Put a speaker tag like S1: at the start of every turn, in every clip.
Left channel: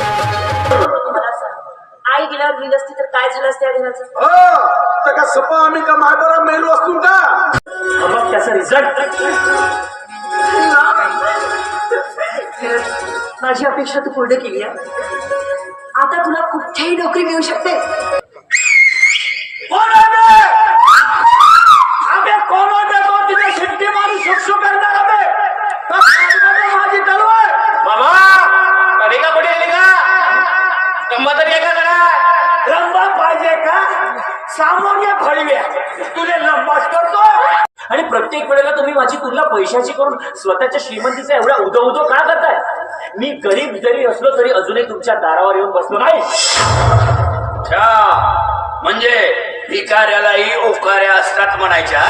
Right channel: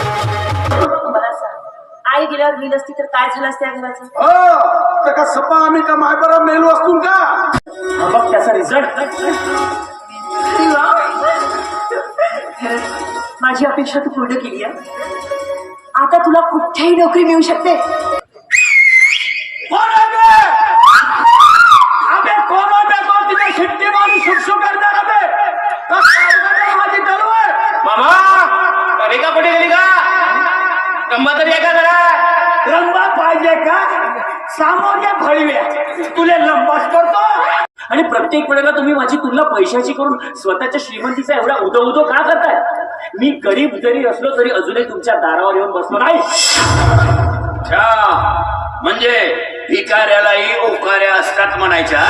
S1: मला सांग आई गेल्यावर मी नसती तर काय झालं असतं घराचं?
S2: हो तर का सपा आम्ही का मायबरा मेलो असतो का?
S3: मग त्याचा रिझल्ट
S1: माझी अपेक्षा तू पूर्ण केली आहे. आता तुला कुठेही नोकरी मिळू शकते
S3: कोण आहे बे? अबे कोण आहे बे? तो तिथे शिट्टी मारून शुकशुक करणार अबे. तर सारखं माझी तलवार.
S4: बाबा पडिका कुठे गेली का गंमत तरी आहे का जरा
S3: रंबा पाहिजे का सामान्य फळवे तुले लंबास करतो आणि प्रत्येक वेळेला तुम्ही माझी तुलना पैशाची करून स्वतःच्या श्रीमंतीचा एवढा उदो उदो का करताय? मी गरीब जरी असलो तरी अजूनही तुमच्या दारावर येऊन बसलो नाही.
S4: म्हणजे भिकाऱ्यालाही उकाऱ्या असतात म्हणायच्या?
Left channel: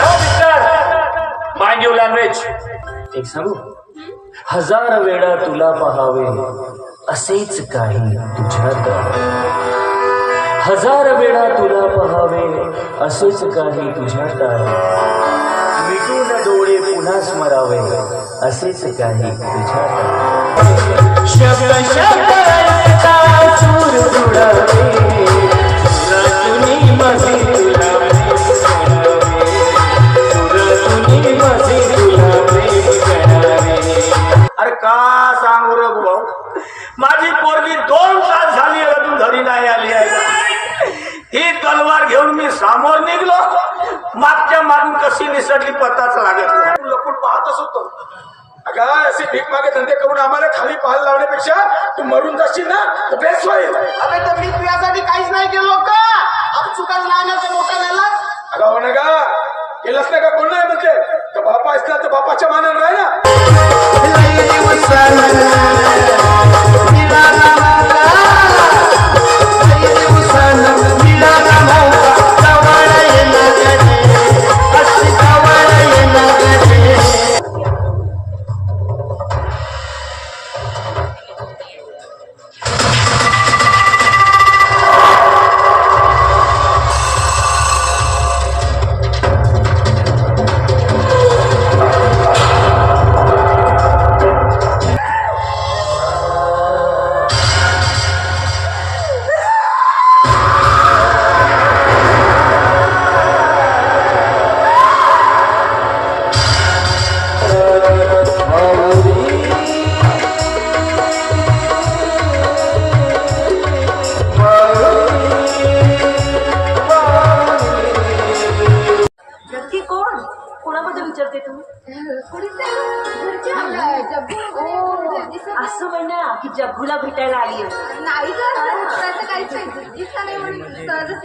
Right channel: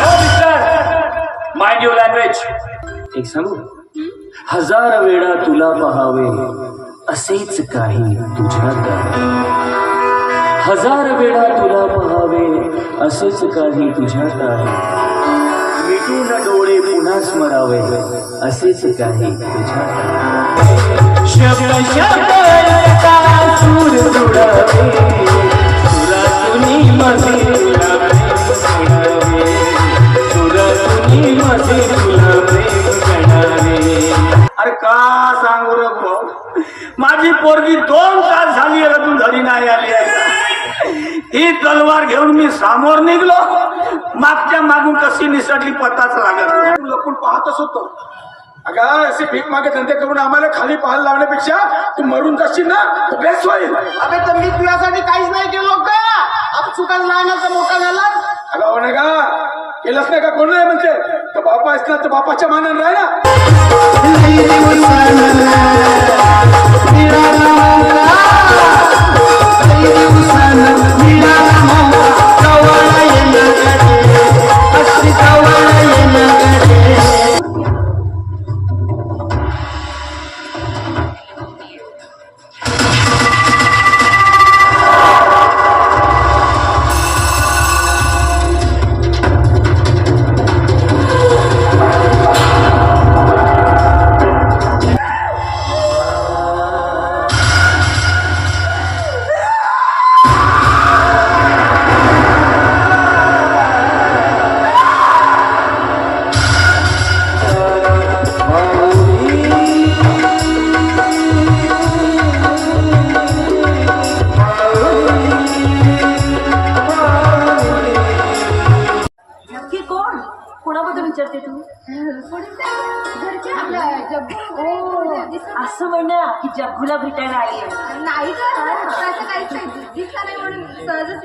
S3: माइंड युअर लँग्वेज एक सांगू? हजार वेळा तुला पहावे असेच काही तुझ्यात आहे. हजार वेळा तुला पहावे असेच काही तुझ्यात आहे मिटून डोळे पुन्हा स्मरावे. असेच काही तुझ्या शब्द शब्द मागच्या मागून कशी निसटली पताच लागत.
S2: लपून पाहतच होतो. अगं असे भीक मागे धंदे करून आम्हाला खाली पाहायला लावण्यापेक्षा तू मरून जाशील ना तर बेस्ट होईल.
S5: अबे तर मी तुझ्यासाठी काहीच नाही केलो का? आता चुकायला लहानाचा मोठा झाला.
S2: अगं हो ना का केलंच नाही का? कोण नाही म्हणते? तर बापा असलं तर बापाच्या मानानं नाही
S1: असं म्हणा की जग्गूला भेटायला आली.
S6: नाही सहजच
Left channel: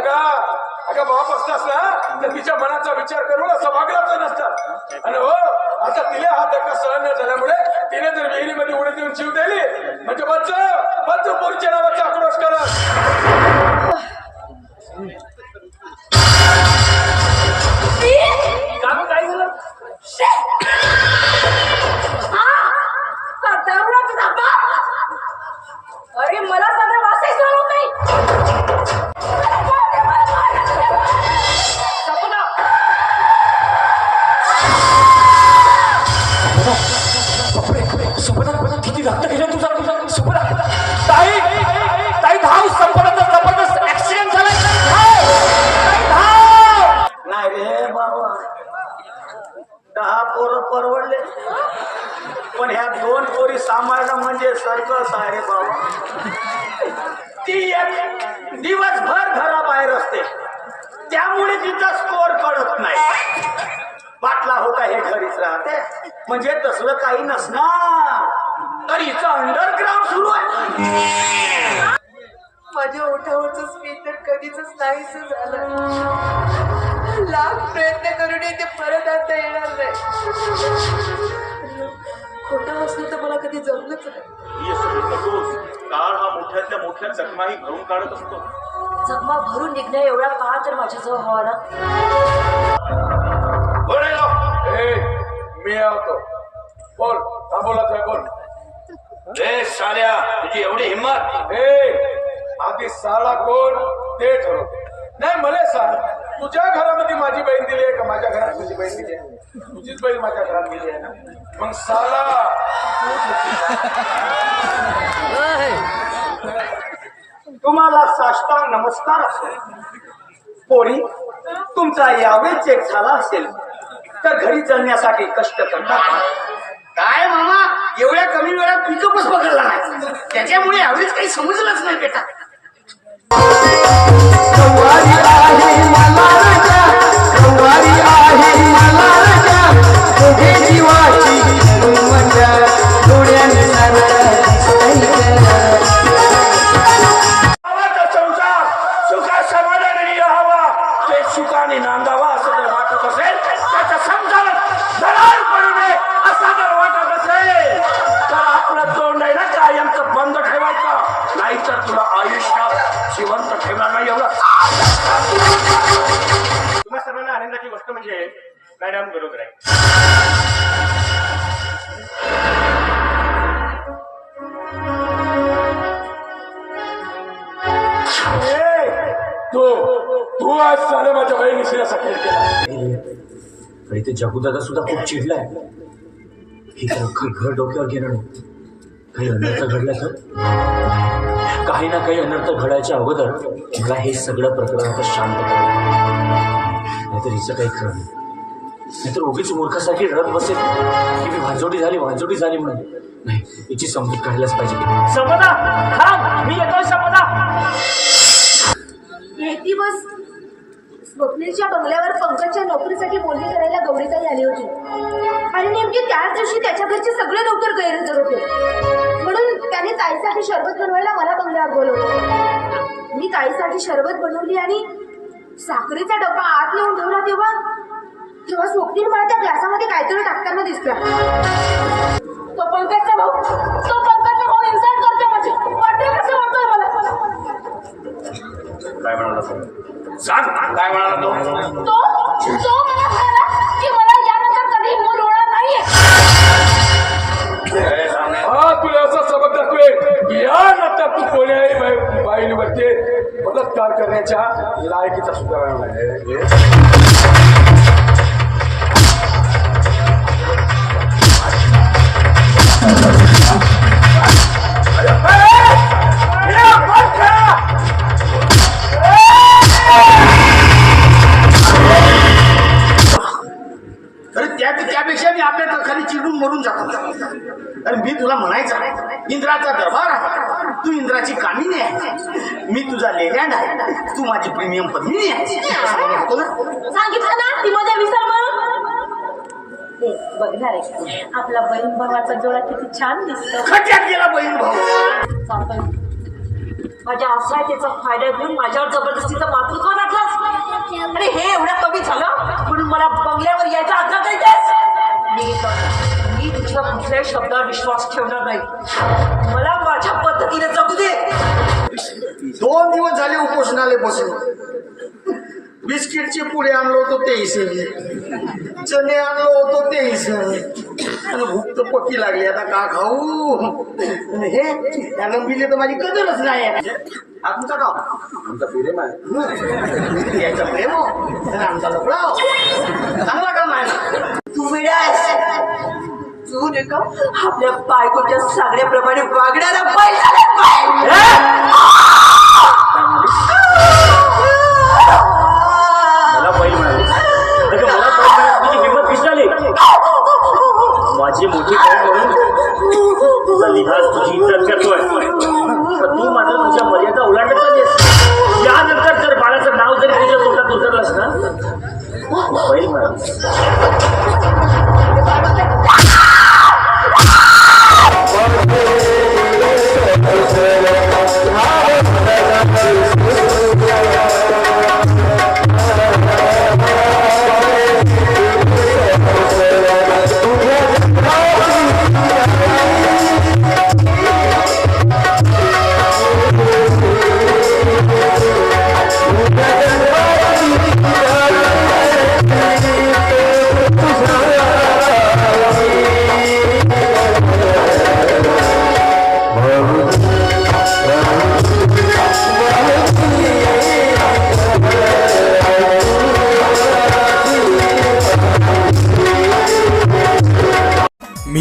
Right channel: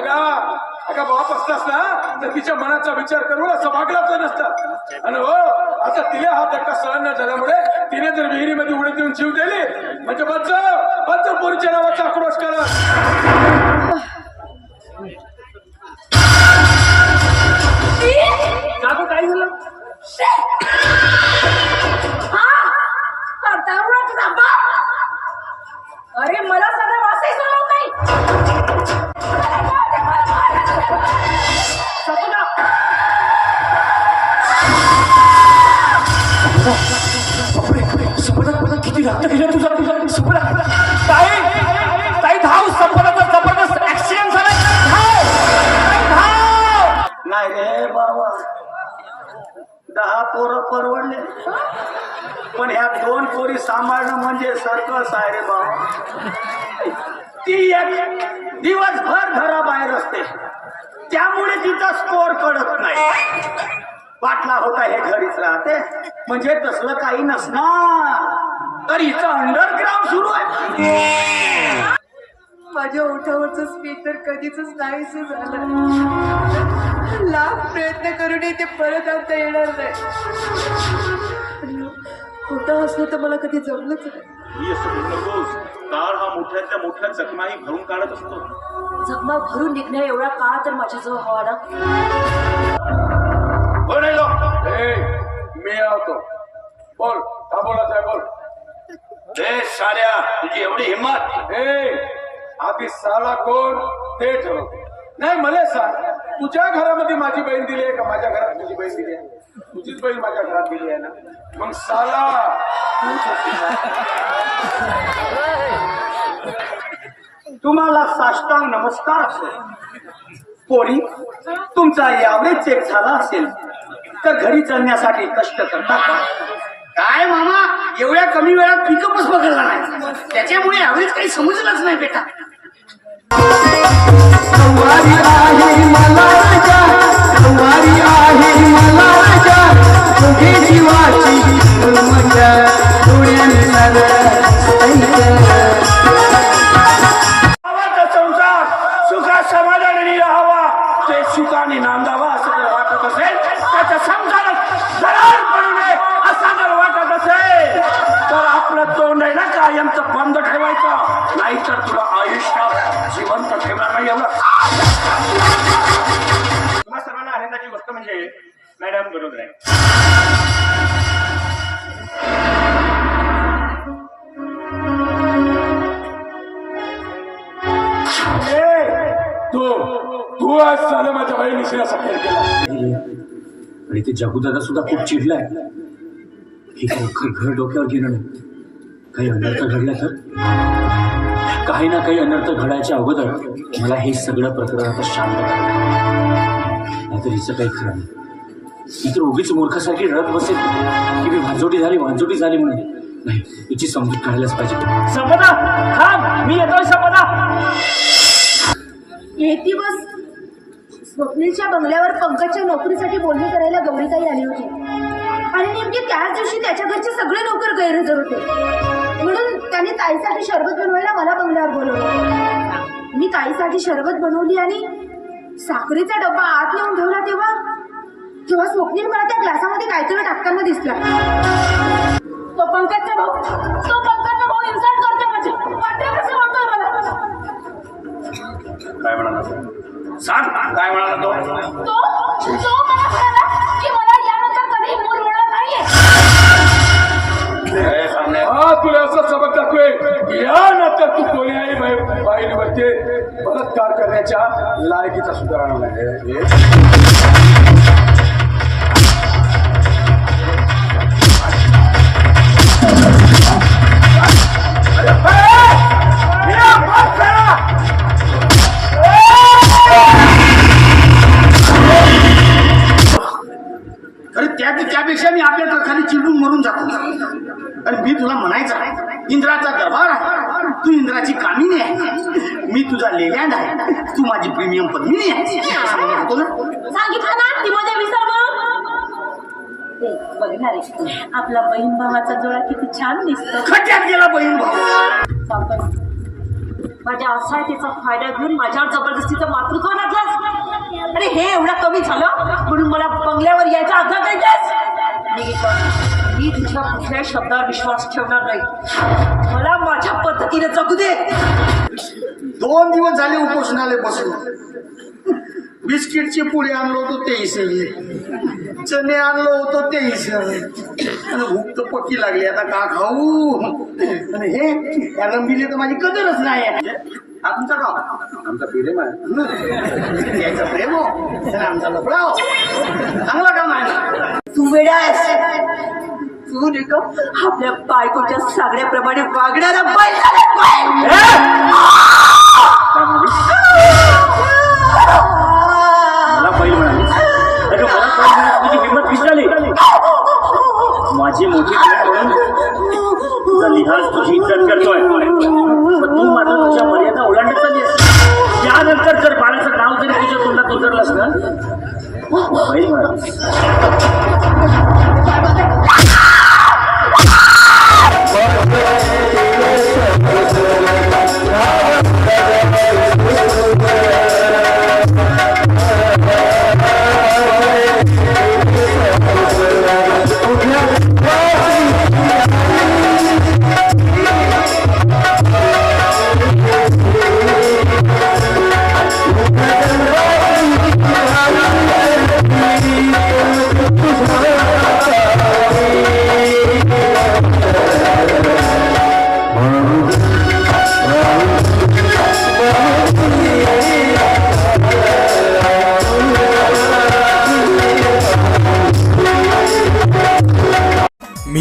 S2: का अगं बाप असतास ना तर तिच्या मनाचा विचार करून असं वागलाच नसता आणि हो आता तिला हा धक्का सहन न झाल्यामुळे तिने जर विहिरीमध्ये उडी देऊन जीव दिली म्हणजे बच्च
S3: ताई ताई धाव जबरदस्त ऍक्सिडेंट धाव! नाही रे बाबा दहा पोरं परवडले. पण ह्या दोन पोरी सांभाळणं म्हणजे सर्कस आहे रे बाबा ती एक दिवसभर घराबाहेर असते. त्यामुळे तिचा स्कोर कळत नाही. पाटला होता हे घरीच राहते. म्हणजे तसलं काही नसणार. तर हिचं अंडरग्राऊंड सुरू आहे.
S1: माझ्या ओठावरचं स्पीच तर कधीच नाहीच झालं. लाख प्रयत्न करूनही ते परत आणता येणार नाही. खोटं असलं तर मला कधी जमलंच नाही.
S7: ही काळ हा मोठ्यातल्या मोठ्या जखमाही भरून काढत असतो.
S1: जगमा भरून निघण्या एवढा काळ तर माझ्याजवळ हवा ना?
S4: बोल रे लोक.
S2: ए मी आवतो बोल आहे बोल.
S4: हे साड्या तुझी एवढी हिंमत
S2: हे आधी साला कोण? ते ठेव नाही मला सांग. तुझ्या घरामध्ये माझी बहीण दिली आहे का? माझ्या घरात तुझी बहीण दिली आहे. तुझीच बहीण माझ्या घरात दिली आहे ना? मग साळा
S5: तुम्हाला साष्टांग नमस्कार पोरी तुमचा यावेळी चेक झाला असेल तर घरी चलण्यासाठी कष्ट करता का? काय मामा एवढ्या कमी वेळात पिकअपच पकडला नाही. त्याच्यामुळे यावेळेस काही समजलंच नाही बेटा.
S2: सुखाने नांदावा असं जर वाटत असेल तुला आयुष्यात जिवंत ठेवणार नाही
S7: तुम्हा सर्वांना आनंदाची गोष्ट म्हणजे मॅडम बरोबर आहे.
S2: ए, तू तू आज साला माझ्या बहिणीशी सफेद केला
S3: आणि ते जगुदादा सुद्धा खूप चिडलाय. ही खरोखर घर डोक्यावर घेणं नाही? काही अनर्थ घडलं तर? काही ना काही अनर्थ घडायच्या अगोदर मला हे सगळं प्रकरण आता शांत नाहीतर हिचं काही खरं नाही. नाहीतर उगीच मूर्खासाठी रडत बसेल. की मी भांजोटी झाली भांजोटी झाली म्हणून. नाही हिची समजूत काढायलाच पाहिजे.
S4: मी
S6: एक दिवस स्वप्नीलच्या बंगल्यावर पंकजच्या नोकरीसाठी बोलणी करायला गौरीताई आली होती. आणि नेमकी त्याच दिवशी त्याच्या घरचे सगळे नोकर गैरहजर होते. त्याने ताईसाठी शरबत बनवायला मला बंगल्यावर बोलवलं. मी ताईसाठी शरबत बनवली आणि साखरेचा डब्बा आत येऊन ठेवला तेव्हा तेव्हा स्वप्नील मला त्या ग्लासामध्ये काहीतरी टाकताना दिसला तो पंकजचा भाऊ. तो पंकजचा भाऊ इन्सल्ट करते माझी. वाटेल कसं वाटतोय मला.
S7: काय म्हणाला? सांग काय म्हणाला तो
S2: बलात्कार करण्याच्या लायकीचा सुधारणा नाही
S5: त्यापेक्षा मी आपल्या खाली चिडून मरून जातो. अरे मी तुला म्हणायचं इंद्राचा दरबार आहे. तू इंद्राची कामिनी आहे. मी तुझा लेलँड आहे. तू माझी प्रीमियम पद्मिनी आहे. ना?
S6: सांगितलं ना? ती मध्ये विसर बघणार आहे आपला बहीण भावाचा जोडा किती छान दिसतो.
S5: खड्ड्यात गेला बहीण भाऊ.
S6: माझ्या फायदा घेऊन माझ्यावर जबरदस्तीचं मातृत्व लागलास आणि हे एवढं कमी झालं? म्हणून मला बंगल्यावर यायचा आग्रह करीतेस मी तुझ्या कुठल्या शब्दावर विश्वास ठेवणार नाही. मला माझ्या पद्धतीने जगू दे.
S5: दोन दिवस झाले उपोषणाले बसलो बिस्किटचे पुढे आणलो होतो सगळे चणे आणलो होतो आणि भूक तर पक्की लागली. आता का खाऊ? आणि हे या रंबीले तर माझी कदरच नाही. हा तुमचा का
S2: आमचा प्रेम आहे
S5: यायचं प्रेम हो. आमचा मोकळा हो. चांगला काम आहे.
S6: तू वेडा घेऊन येतो. आपल्या बायकोच्या सांगण्याप्रमाणे वागणारा बैल
S3: मला बैल म्हणाली. अगं मला बैल म्हणाली किंमत विसरली माझी मोठी काय म्हणून तुझा लिहाज तुझी इज्जत करतो